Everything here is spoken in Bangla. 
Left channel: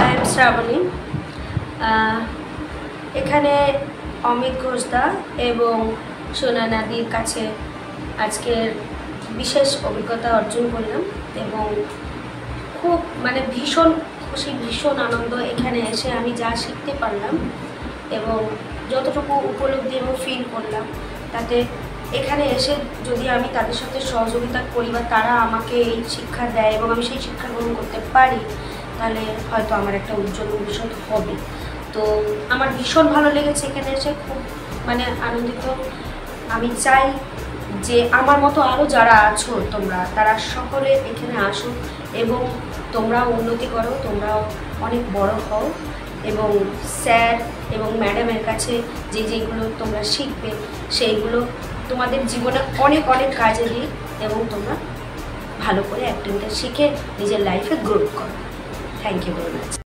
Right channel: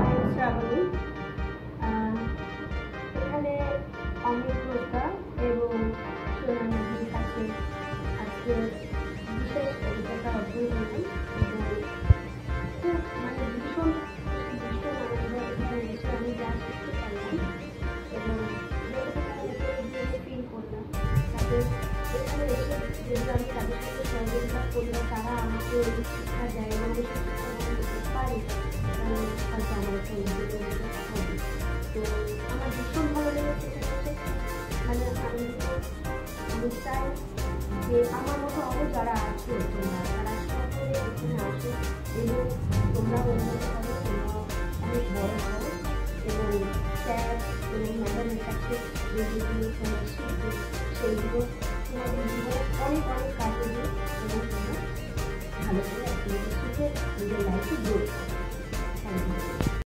I am Shrabani. এখানে অমিত ঘোষদা এবং সোনা নাদির কাছে আজকের বিশেষ অভিজ্ঞতা অর্জন করলাম এবং খুব ভীষণ খুশি, ভীষণ আনন্দ। এখানে এসে আমি যা শিখতে পারলাম এবং যতটুকু উপলব্ধি এবং ফিল করলাম, তাতে এখানে এসে যদি আমি তাদের সাথে সহযোগিতা করি বা তারা আমাকে এই শিক্ষা দেয় এবং আমি সেই শিক্ষা গ্রহণ করতে পারি, তাহলে হয়তো আমার একটা উজ্জ্বল ভবিষ্যৎ হবে। তো আমার ভীষণ ভালো লেগেছে এখানে এসে, খুব আনন্দিত। আমি চাই যে আমার মতো আরও যারা আছো তোমরা, তারা সকলে এখানে আসো এবং তোমরাও উন্নতি করো, তোমরাও অনেক বড় হও এবং স্যার এবং ম্যাডামের কাছে যেগুলো তোমরা শিখবে সেইগুলো তোমাদের জীবনে অনেক অনেক কাজে দিই এবং তোমরা ভালো করে অ্যাক্টিংটা শিখে নিজের লাইফে গ্রোথ করো। Thank you very much.